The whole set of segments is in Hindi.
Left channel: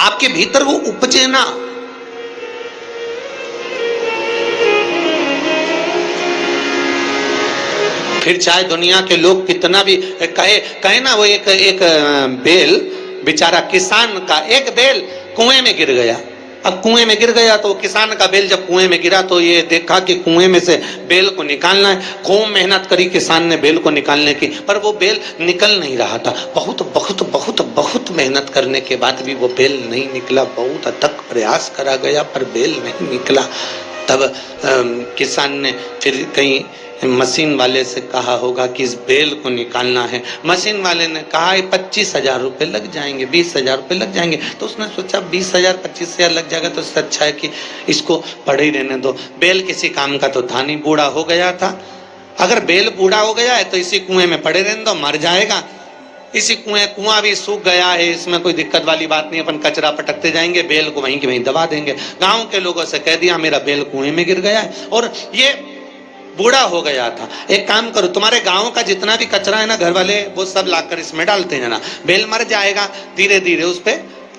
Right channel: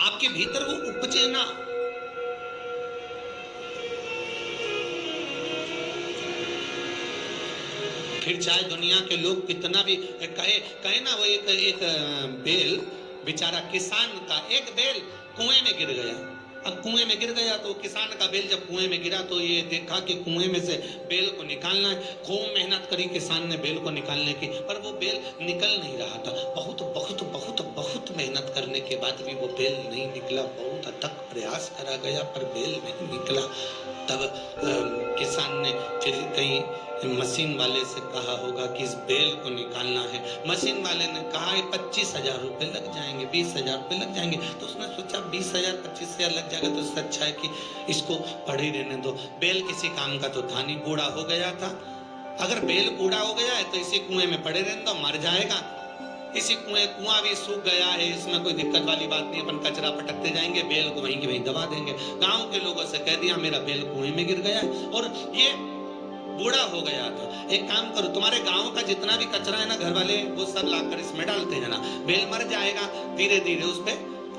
आपके भीतर वो उपजे ना। फिर चाहे दुनिया के लोग कितना भी कहे ना, वो एक बेल बेचारा किसान का, एक बेल कुएं में गिर गया। अब कुएं में गिर गया तो किसान का बेल जब कुएं में गिरा तो ये देखा कि कुएं में से बेल को निकालना है। खूब मेहनत करी किसान ने बेल को निकालने की, पर वो बेल निकल नहीं रहा था। बहुत बहुत बहुत बहुत मेहनत करने के बाद भी वो बेल नहीं निकला। बहुत अथक प्रयास करा गया पर बेल नहीं निकला। तब किसान ने फिर कहीं मशीन वाले से कहा होगा कि इस बेल को निकालना है। मशीन वाले ने कहा 25,000 रुपये लग जाएंगे, 20,000 रुपये लग जाएंगे। तो उसने सोचा 20,000 25,000 लग जाएगा तो इससे अच्छा है कि इसको पड़े ही रहने दो। बेल किसी काम का तो था नहीं, बूढ़ा हो गया था। अगर बेल बूढ़ा हो गया है तो इसी कुएं में पड़े रहने दो, मर जाएगा। इसी कुआं भी सूख गया है, इसमें कोई दिक्कत वाली बात नहीं, अपन कचरा पटकते जाएंगे, बेल को वहीं के वहीं दबा देंगे। गांव के लोगों से कह दिया मेरा बेल कुएं में गिर गया है और ये बूढ़ा हो गया था। एक काम करो, तुम्हारे गांव का जितना भी कचरा है ना, घर वाले वो सब लाकर इसमें डालते हैं ना, बेल मर जाएगा, धीरे धीरे उस पे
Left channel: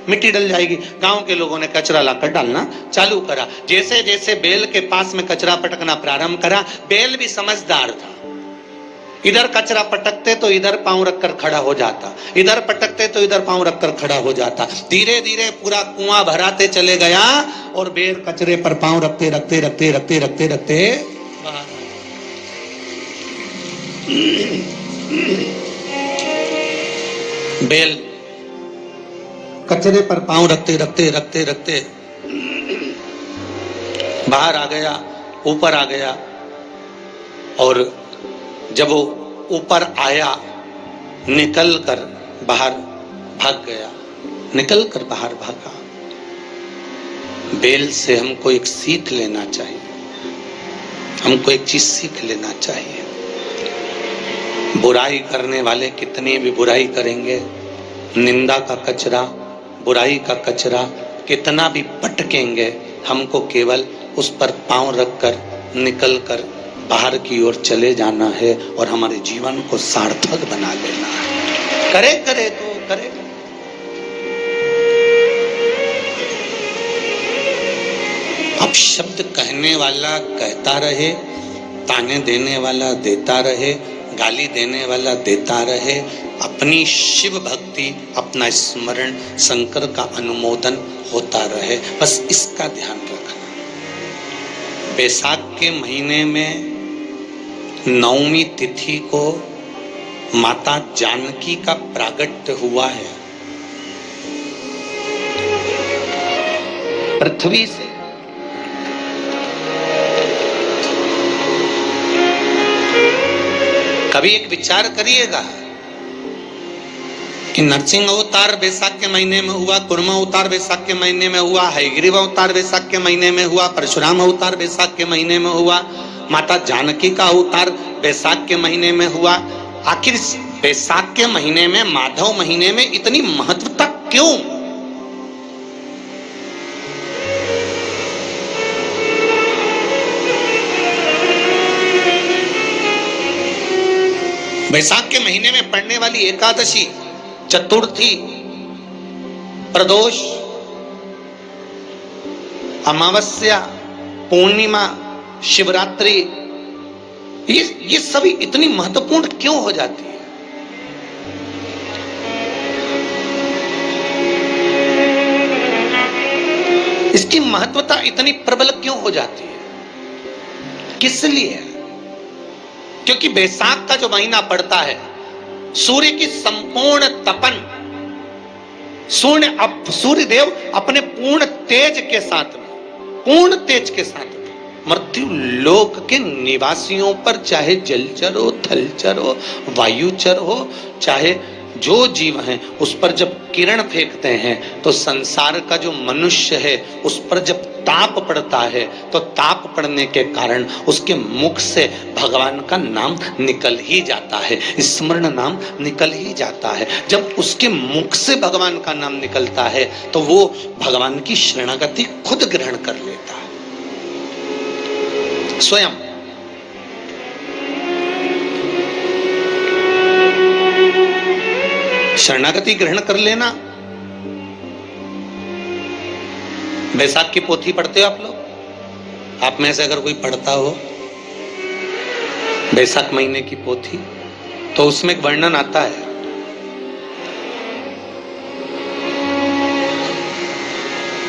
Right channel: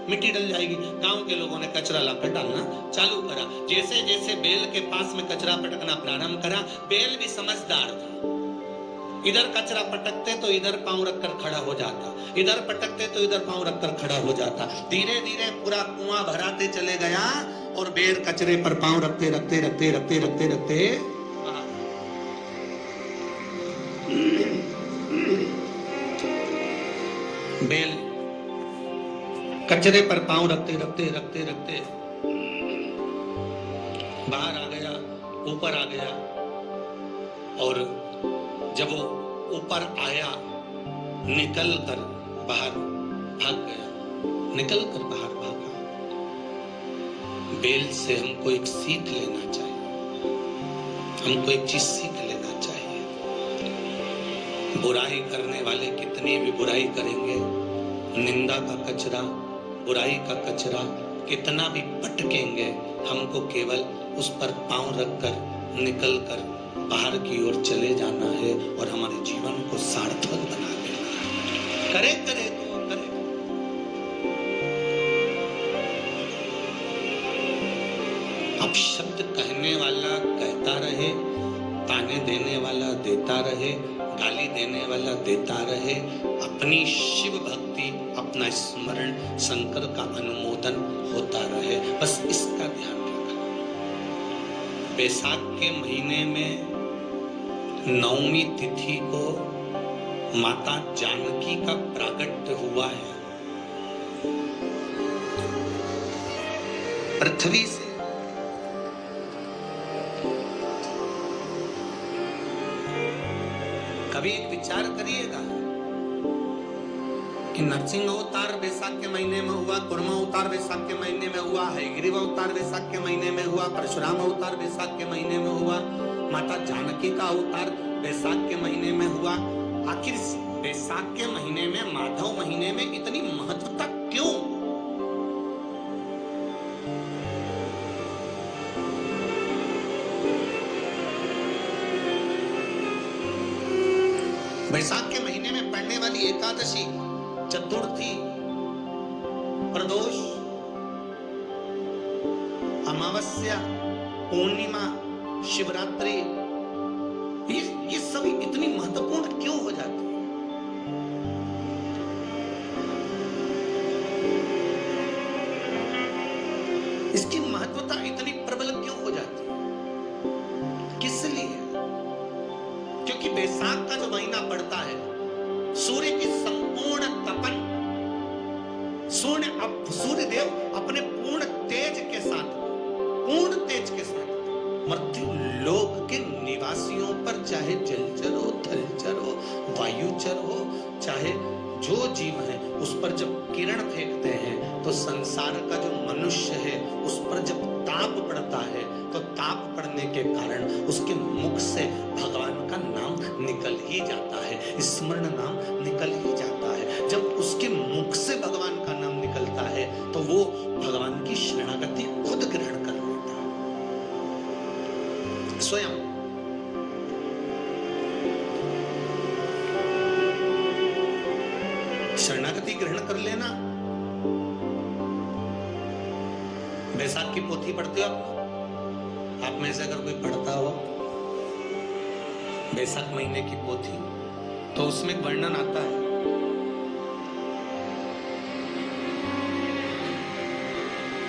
मिट्टी डल जाएगी। गांव के लोगों ने कचरा लाकर डालना चालू करा। जैसे जैसे बेल के पास में कचरा पटकना प्रारंभ करा, बेल भी समझदार था। इधर कचरा पटकते तो इधर पांव रखकर खड़ा हो जाता, इधर पटकते तो इधर पांव रखकर खड़ा हो जाता। धीरे धीरे पूरा कुआं भराते चले गया और बेल कचरे पर पांव रखते रखते रखते रखते रखते रखते बेल कचरे पर पांव रखते रखते रखते रखते बाहर आ गया, ऊपर आ गया। और जब वो ऊपर आया, निकल कर बाहर भाग गया, निकल कर बाहर भागा। बेल से हमको एक सीख लेना चाहिए, हमको एक चीज सीख लेना चाहिए। बुराई करने वाले कितनी भी बुराई करेंगे, निंदा का कचरा, बुराई का कचरा कितना भी पटकेंगे, हमको केवल उस पर पांव रखकर निकल कर बाहर की ओर चले जाना है और हमारे जीवन को सार्थक बना लेना है। करे करे तो करे। अब शब्द कहने वाला कहता रहे, ताने देने वाला देता रहे, गाली देने वाला देता रहे। अपनी शिव भक्ति, अपना स्मरण, शंकर का अनुमोदन होता रहे, बस इसका ध्यान रखना। बैसाख के महीने में 9वीं तिथि को माता जानकी का प्रागट्य हुआ है पृथ्वी से। कभी एक विचार करिएगा कि नरसिंह अवतार बैसाख के महीने में हुआ, कुर्मा अवतार बैसाख के महीने में हुआ, हयग्रीव अवतार बैसाख के महीने में हुआ, परशुराम अवतार बैसाख के महीने में हुआ, माता जानकी का अवतार बैसाख के महीने में हुआ। आखिर बैसाख के महीने में, माधव महीने में इतनी महत्वता क्यों? बैसाख के महीने में पड़ने वाली एकादशी, चतुर्थी, प्रदोष, अमावस्या, पूर्णिमा, शिवरात्रि, ये सभी इतनी महत्वपूर्ण क्यों हो जाती है? इसकी महत्वता इतनी प्रबल क्यों हो जाती है? किस लिए? क्योंकि बैसाख का जो महीना पड़ता है, सूर्य की संपूर्ण तपन, सूर्य देव अपने पूर्ण तेज के साथ, पूर्ण तेज के साथ मृत्यु लोक के निवासियों पर, चाहे जलचर हो, थलचर हो, वायुचर हो, चाहे जो जीव हैं, उस पर जब किरण फेंकते हैं तो संसार का जो मनुष्य है उस पर जब ताप पड़ता है तो ताप पड़ने के कारण उसके मुख से भगवान का नाम निकल ही जाता है, स्मरण नाम निकल ही जाता है। जब उसके मुख से भगवान का नाम निकलता है तो वो भगवान की शरणागति खुद ग्रहण कर लेता है स्वयं। शरणागति ग्रहण कर लेना बैसाख की पोथी पढ़ते हो आप लोग? आप में से अगर कोई पढ़ता हो बैसाख महीने की पोथी, तो उसमें एक वर्णन आता है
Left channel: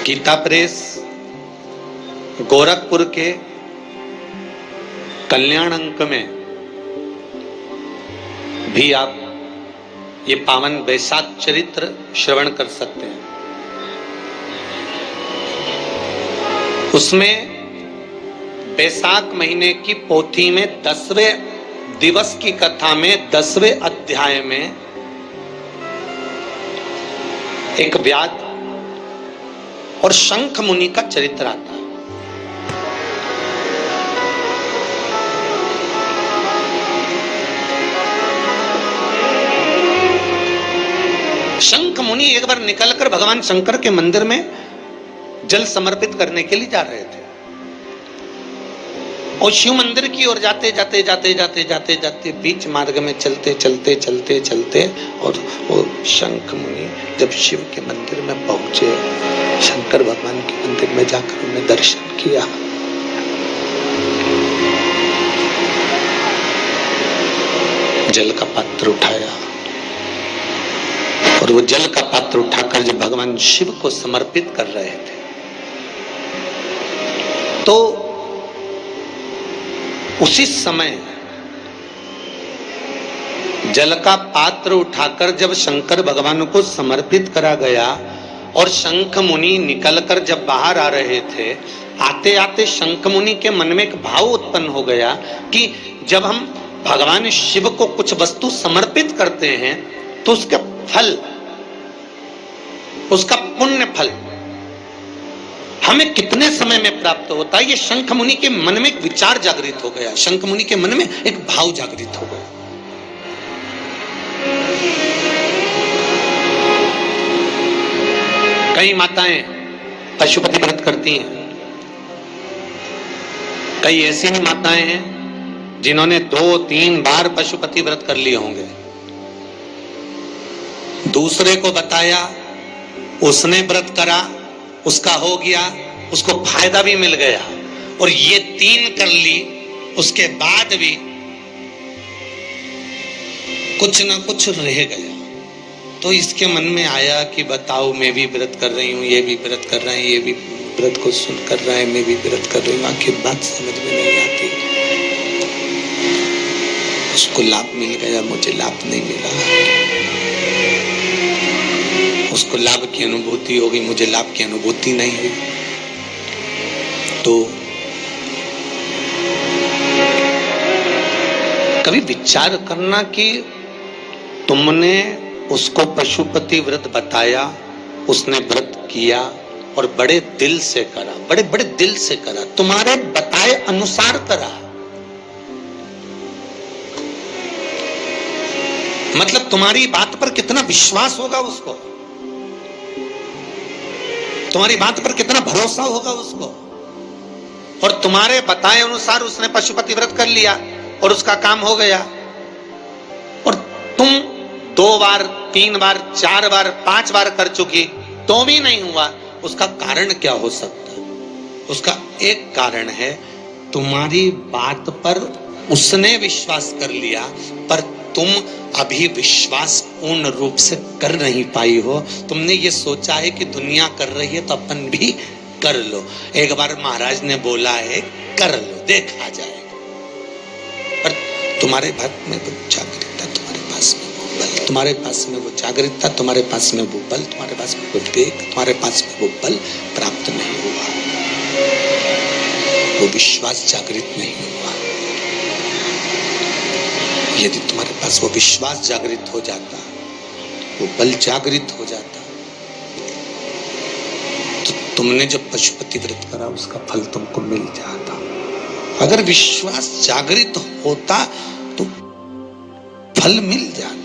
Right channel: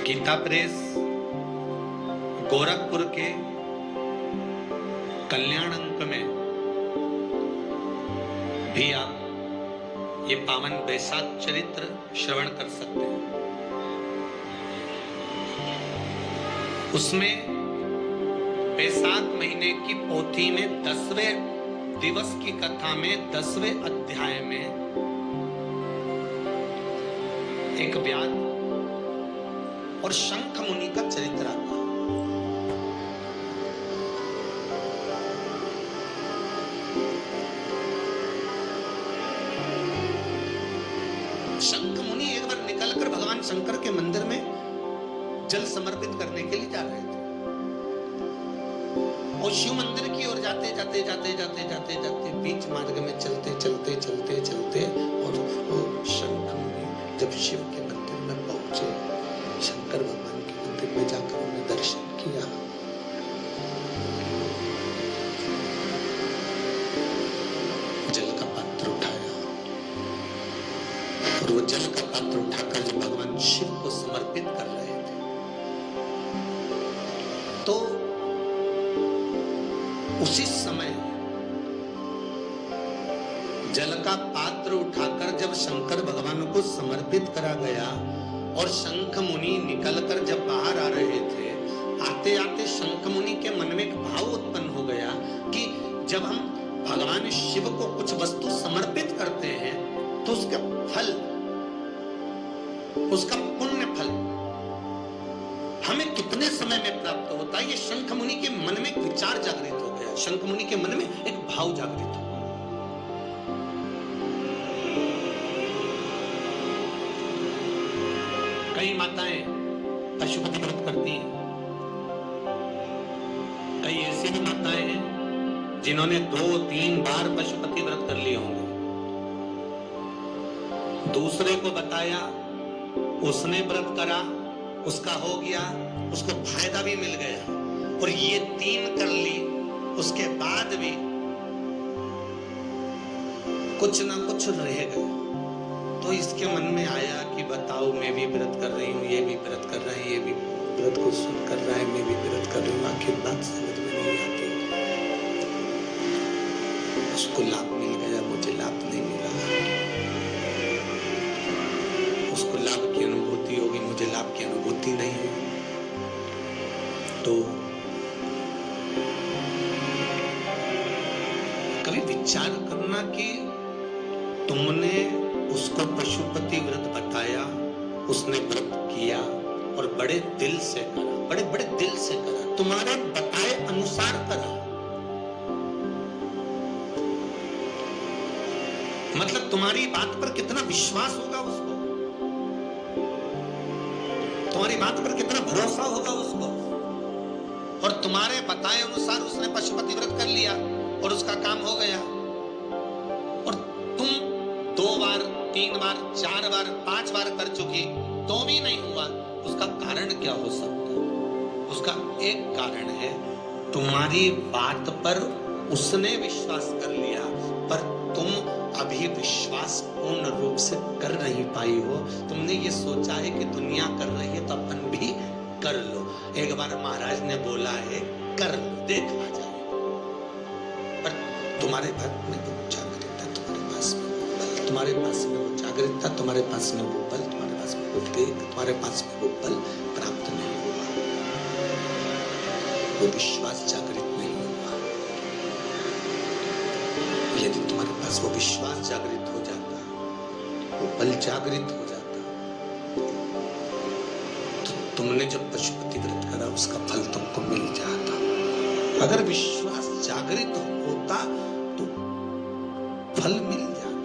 गीता प्रेस गोरखपुर के कल्याण अंक में भी आप ये पावन बैसाख चरित्र श्रवण कर सकते हैं। उसमें बैसाख महीने की पोथी में 10वें दिवस की कथा में 10वें अध्याय में एक व्याध और शंख मुनि का चरित्र आता है। शंख मुनि एक बार निकलकर भगवान शंकर के मंदिर में जल समर्पित करने के लिए जा रहे थे और शिव मंदिर की ओर जाते जाते जाते जाते जाते जाते बीच मार्ग में चलते चलते चलते चलते और वो शंख मुनि जब शिव के मंदिर में पहुंचे, शंकर भगवान के मंदिर में जाकर उन्हें दर्शन किया, जल का पात्र उठाया और वो जल का पात्र उठाकर जब भगवान शिव को समर्पित कर रहे थे तो उसी समय जल का पात्र उठाकर जब शंकर भगवान को समर्पित करा गया और शंख मुनि निकलकर जब बाहर आ रहे थे, आते आते शंख मुनि के मन में एक भाव उत्पन्न हो गया कि जब हम भगवान शिव को कुछ वस्तु समर्पित करते हैं तो उसका फल, उसका पुण्य फल हमें कितने समय में प्राप्त होता है। ये शंख मुनि के मन में एक विचार जागृत हो गया, शंख मुनि के मन में एक भाव जागृत हो गया। कई माताएं पशुपति व्रत करती हैं, कई ऐसी भी माताएं हैं जिन्होंने 2-3 बार पशुपति व्रत कर लिए होंगे, दूसरे को बताया, उसने व्रत करा, उसका हो गया, उसको फायदा भी मिल गया, और ये 3 कर ली, उसके बाद भी कुछ ना कुछ रह गया। तो इसके मन में आया कि बताओ, मैं भी व्रत कर रही हूँ, ये भी व्रत कर रहे हैं, ये भी व्रत को सुन कर रहे हैं, मैं भी व्रत कर रही हूँ, आखिर बात समझ में नहीं आती। उसको लाभ मिल गया, मुझे लाभ नहीं मिला, उसको लाभ की अनुभूति होगी, मुझे लाभ की अनुभूति नहीं हुई। तो कभी विचार करना कि तुमने उसको पशुपति व्रत बताया, उसने व्रत किया और बड़े दिल से करा, बड़े बड़े दिल से करा, तुम्हारे बताए अनुसार करा, मतलब तुम्हारी बात पर कितना विश्वास होगा उसको, तुम्हारी बात पर कितना भरोसा होगा उसको। और तुम्हारे बताए अनुसार उसने पशुपति व्रत कर लिया और उसका काम हो गया, और तुम 2 बार 3 बार 4 बार 5 बार कर चुकी तो भी नहीं हुआ। उसका कारण क्या हो सकता? उसका एक कारण है, तुम्हारी बात पर उसने विश्वास कर लिया पर तुम अभी विश्वास पूर्ण रूप से कर नहीं पाई हो। तुमने ये सोचा है कि दुनिया कर रही है तो अपन भी कर लो। एक बार महाराज ने बोला है कर लो, देखा जाएगा। पर तुम्हारे बात में वो जागृतता, तुम्हारे पास में वो बल, तुम्हारे पास में वो जागृतता, तुम्हारे पास में वो बल, तुम्हारे पास में वो विवेक, तुम्हारे पास में वो बल प्राप्त नहीं हुआ, वो विश्वास जागृत नहीं हुआ। यदि तुम्हारे पास वो विश्वास जागृत हो जाता, वो बल जागृत हो जाता, तो तुमने जब पशुपति व्रत करा उसका फल तुमको मिल जाता। अगर विश्वास जागृत होता तो फल मिल जाता।